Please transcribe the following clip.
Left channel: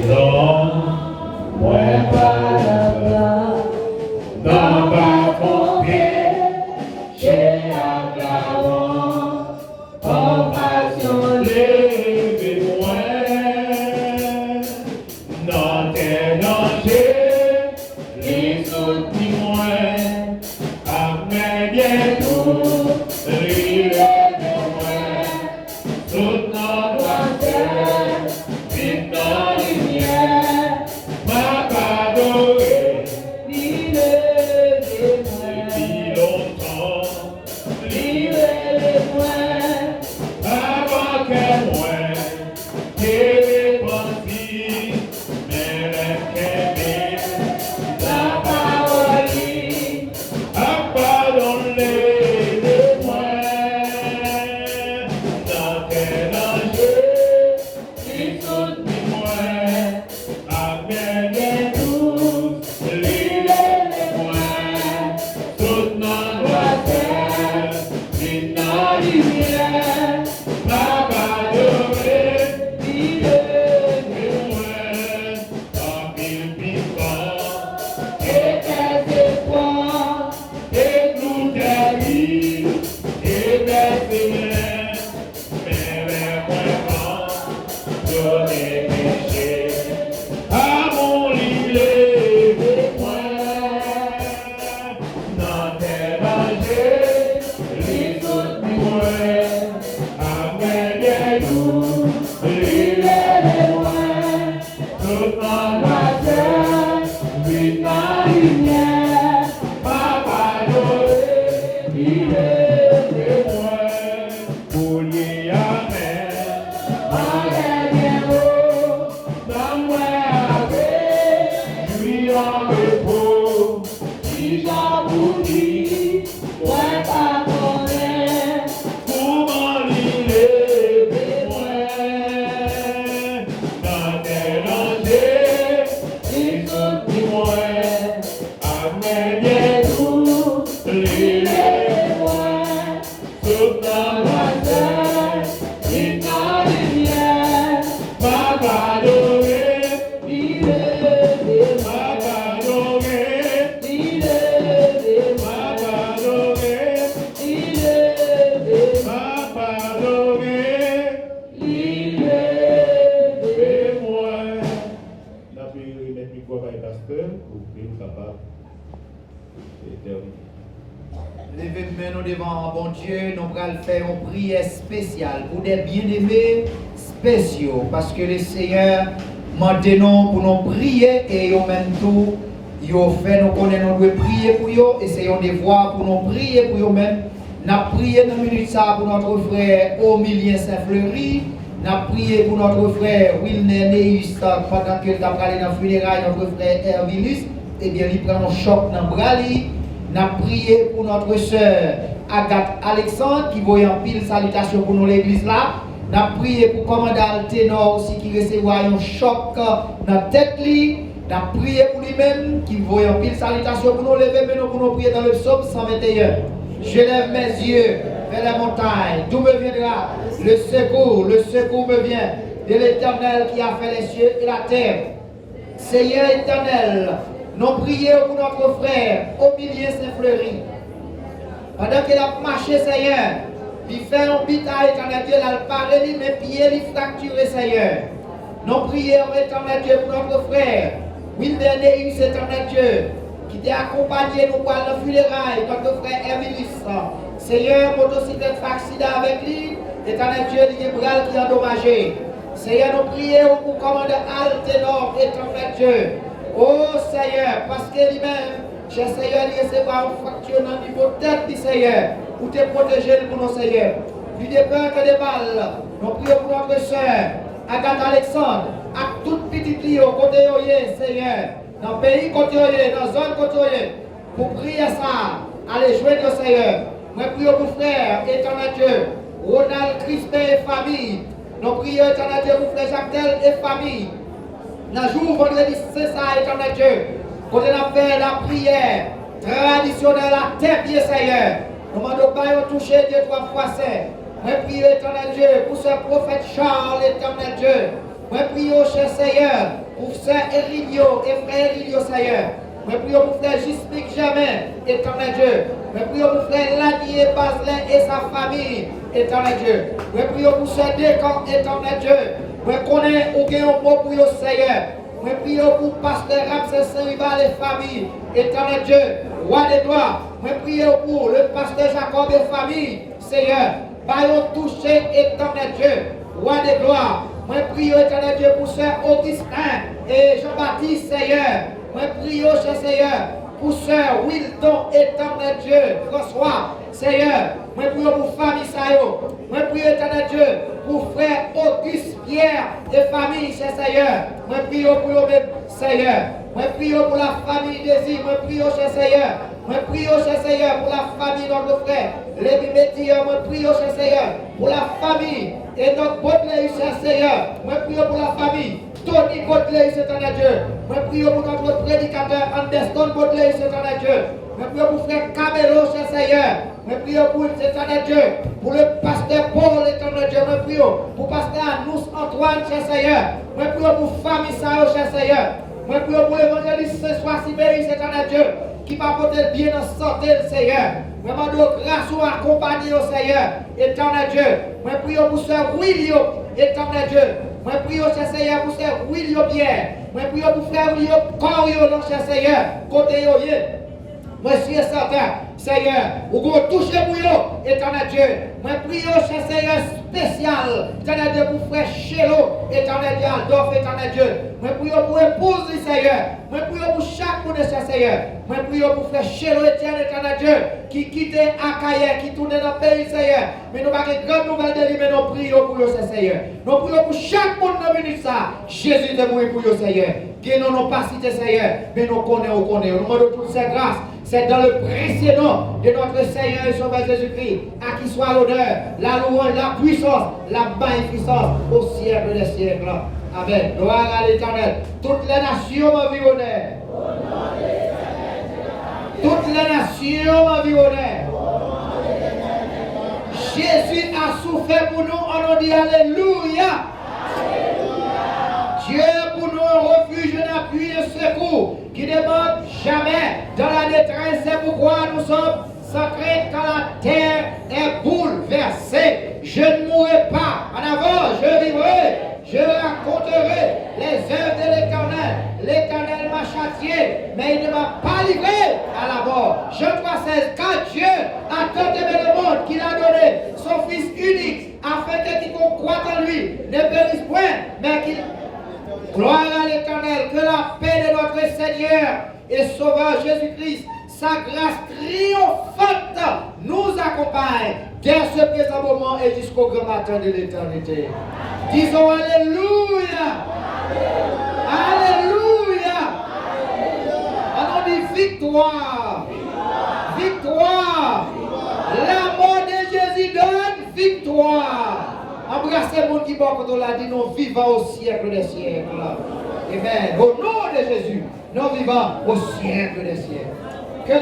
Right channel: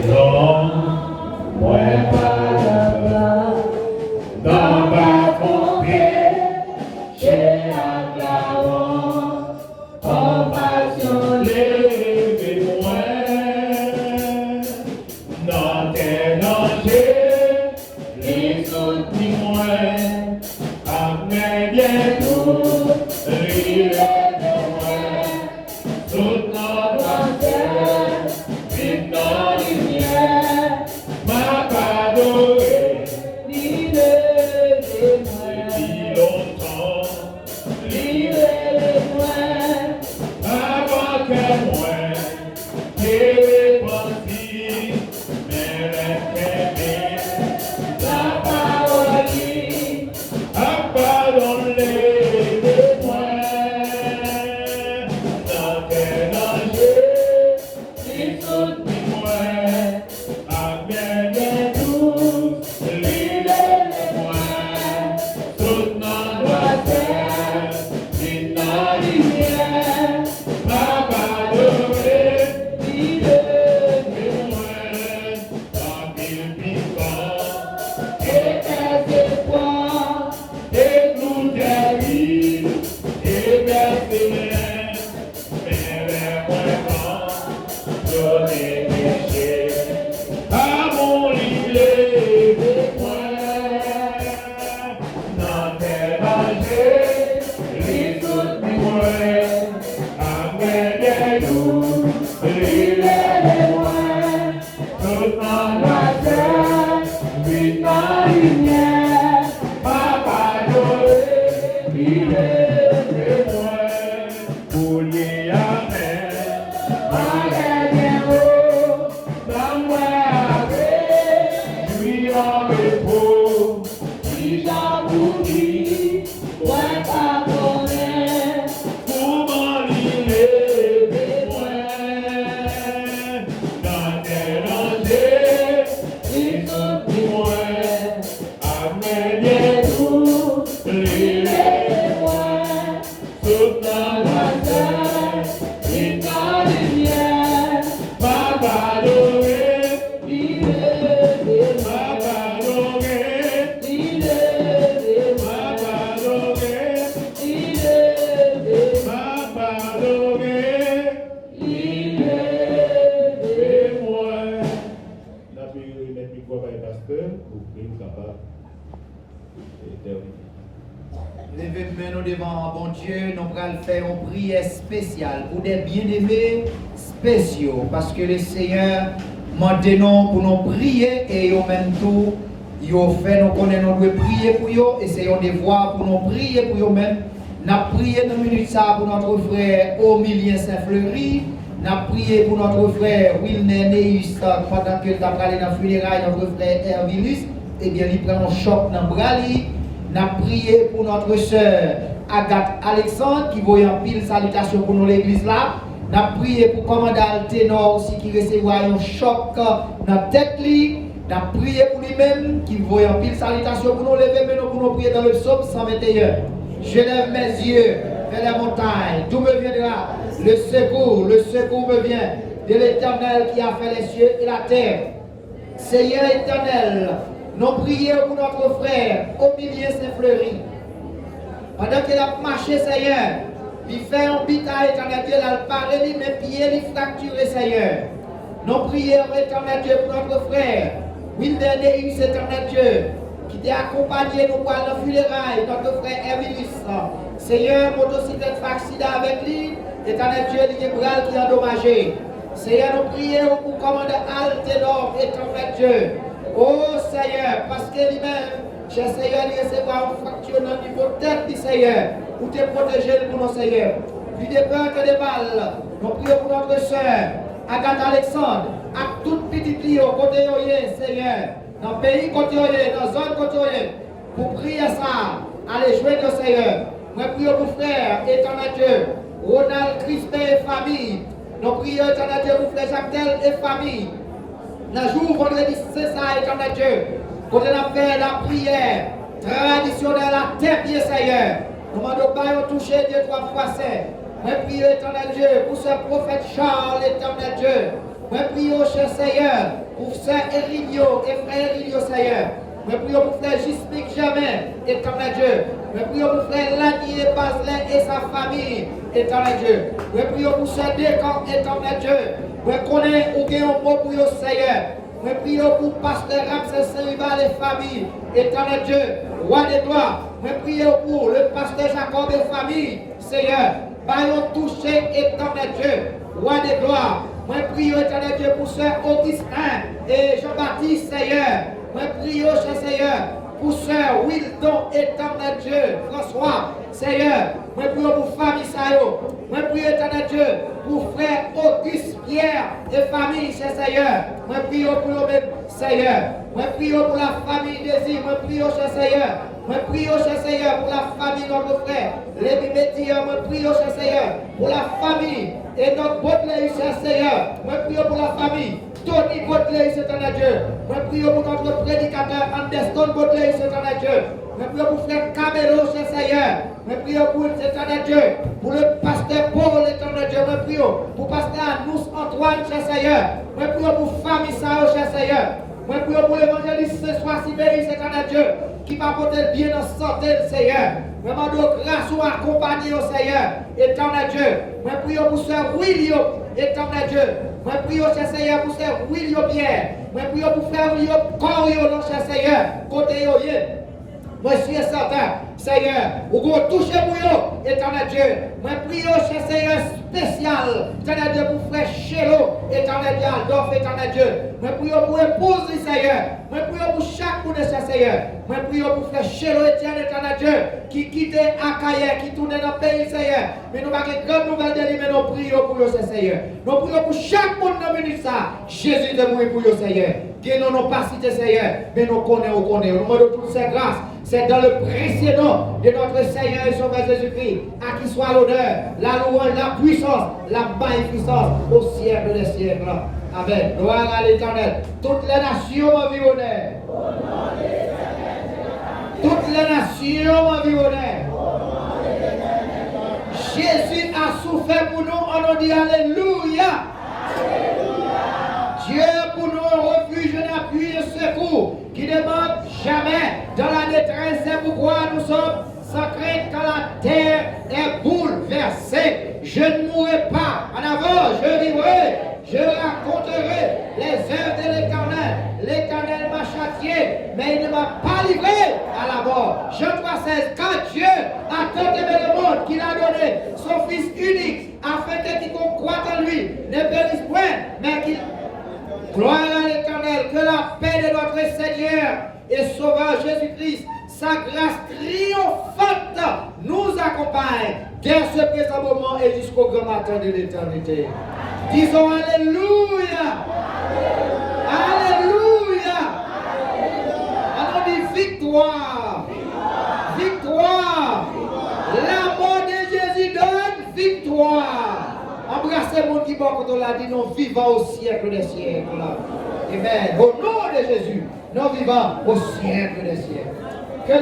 maison, moi pas dans ma pompier, j'ai un glaçon, compassion les moins, dans tes dangers, les autres moins, avec bien tout, rire de moins, tout notre terre, vite dans lumière, ma padorée, depuis longtemps, les moins, avant que moi, j'ai répandu, mais les la parole, a pardonné les moins, dans tes dangers, ils sont témoins, avec tous, les moins, toute notre droiture, une lumière, ma pardonné, les moins, tant qu'il vivant, et tes espoirs, et tout est vie, et merci, mais vraiment, je n'ai péché, à mon lit, les points, dans tes dangers, les autres moins, avec des loups, les loin, toute ma terre, vite ma lumière, ma parole, il est témoin, pour y amen, ma dernière, dans moi avec, lui en repos, si j'aboutis, moi pardonner, pour m'en lier, dans tes dangers, ils sont témoins, avec bien tout, les loin, toute la terre, une lumière, ma pardonner, il est ma pardonner, il est ma pardonner, il est ma pardonner, il est moi. La prière est micro par le pasteur pour que nous capable d'éterniser. Levez nous devant bon Dieu, nous allons faire une prière spéciale pour des bien-aimés spéciaux parce que le Seigneur maintenant pour nous prier et en même temps, il fait nous connaître, nous devons prier pour eux, essayons de voir pour nous prier pour eux-mêmes. Nous avons prié dans minute ça pour notre frère Omilien Saint-Fleury, nous avons prié pour notre frère Wilner Neus pendant qu'il a parlé dans le funérail, notre frère Hervilus, et bien il prend un choc dans le bras. Nous avons prié pour notre soeur Agathe Alexandre qui voit en pile salutation pour nous l'église là. Nous avons prié pour le commandant Ténor aussi qui recevra un choc dans la tête. Nous avons prié pour lui-même qui voit en pile salutation pour nous lever, mais nous pour nous prier dans le psaume 121. Je lève mes yeux vers la montagne. D'où me viendra le secours me vient de l'Éternel qui a fait les cieux et la terre. Seigneur éternel, nous prions pour notre frère Omilien Saint-Fleury. Pendant qu'il a marché, Seigneur, il fait un bitaille, éternel Dieu, il a parlé, mes pieds, il fracturé, Seigneur. Nous prions, éternel Dieu, pour notre frère Wilder Neus, éternel Dieu, qui t'a accompagné nous pour le funérailles, notre frère Hervilus. Seigneur, motocyclette fait accident avec lui, éternel Dieu, il y a un bras qui est endommagé. Seigneur, nous prions pour commander Alténor, éternel Dieu. Oh Seigneur, parce que lui-même, cher Seigneur, il recevra une fracture dans le niveau de tête, Seigneur, pour te protéger pour nos Seigneur. Plus de peur que de balles, nous prions pour notre soeur, Agathe Alexandre, à toute petite ligne, côté Seigneur, dans le pays côté dans la zone côté, pour prier ça, allez jouer le Seigneur. Nous prions pour frère, éternel Dieu, Ronald Crispin et famille. Nous prions, éternel Dieu, pour frère Jacques et famille. Dans le jour vendredi, c'est ça, éternel Dieu. Quand on a fait la prière traditionnelle à terre, bien Seigneur. Nous demandons pas de toucher Dieu 3 fois saint. Moi prions, éternel Dieu, pour ce prophète Charles, éternel Dieu. Moi prions, cher Seigneur, pour frère Erilio et frère Erilio Seigneur. Je prie pour frère Gismic Jamais, éternel Dieu. Je prie pour frère Lanier Baselin et sa famille, éternel Dieu. Je prie pour frère Descamps, éternel Dieu. Je connais où il y a un mot pour le Seigneur. Je prie pour pasteur Ramsès Saint-Rival et famille, éternel Dieu, roi des gloires. Je prie pour le pasteur Jacob et famille, Seigneur. Bayon touché, éternel Dieu, roi des gloires. Je prie, éternel Dieu, pour sœur Augustin et Jean-Baptiste, Seigneur. Je prie, cher Seigneur, pour sœur Wildon, éternel Dieu, François, Seigneur. Je prie pour famille Sayo. Je prie, éternel Dieu, pour frère Auguste Pierre et famille, cher Seigneur. Je prie pour eux-mêmes, Seigneur. Je prie pour la famille Désir. Je prie, cher Seigneur. Je prie, cher Seigneur, pour la famille de notre frère. Les Métiers, je prie, cher Seigneur, pour la famille et notre Baudelaire, cher Seigneur. Je prie pour la famille. Tony Baudelaire, c'est un Dieu. Je prie pour notre prédicateur Anderson Baudelaire, c'est un Dieu. Je prie pour frère Camelo, cher Seigneur. Je prie pour l'éternel Dieu. Pour le pasteur Paul, l'éternel Dieu. Je prie pour pasteur Anous Antoine, cher Seigneur. Je prie pour famille Sao, cher Seigneur. Je prie pour l'évangéliste Sois Sibérie, c'est un Dieu. Qui va porter bien en santé, Seigneur. Je demande grâce ou accompagner au Seigneur, éternel Dieu. Je prie pour sœur William, éternel Dieu. Je prie cher Seigneur pour sœur William Pierre. Je prie pour frère William Corio, non, cher Seigneur. Côté yo, moi je suis certain, Seigneur, vous pouvez toucher pour eux, éternel Dieu. Je prie cher Seigneur spécial, éternel Dieu, pour frère Chélo, éternel Dieu, Adolphe, éternel Dieu. Je prie pour épouse, Seigneur. Je prie pour chaque monde, cher Seigneur. Je prie pour frère Chélo, éternel Dieu, qui quitte Akaye, qui tourne dans le pays, Seigneur. Mais nous avons une grande nouvelle de lui, mais nous prions pour eux, Seigneur. Nous prions pour chaque monde dans le minute ça. Jésus de mourir pour eux, Seigneur. Qui nous n'ont pas cité, Seigneur, mais nous connaissons, nous demandons toutes ces grâces. C'est dans le précieux nom de notre Seigneur et Sauveur Jésus-Christ, à qui soit l'honneur, la louange, la puissance, la magnificence au siècle des siècles. Amen. Gloire à l'Éternel. Toutes les nations environnent. Toutes les nations environnent. Jésus a souffert pour nous, on dit Alléluia. Dieu pour nous un refuge, un appui, un secours qui ne demande jamais dans la détresse. C'est pourquoi nous sommes sans crainte quand la terre est bouleversée. Je ne mourrai pas. En avant, je vivrai. Je raconterai les œuvres de l'Éternel. L'Éternel m'a châtié, mais il ne m'a pas livré à la mort. Jean 3,16. Quand Dieu a tant aimé le monde qu'il a donné son Fils unique, afin que quiconque croit en lui ne périsse point, mais qu'il... Gloire à l'Éternel, que la paix de notre Seigneur et Sauveur Jésus-Christ, sa grâce triomphante nous accompagne dès ce présent moment et jusqu'au grand matin de l'éternité. Disons Alléluia. Alléluia. On dit victoire. Victoire. La mort de Jésus donne victoire. Embrassez mon qui va quand on l'a dit, nous vivons au siècle des siècles. Amen. Au nom de Jésus, nous vivons au siècle des siècles.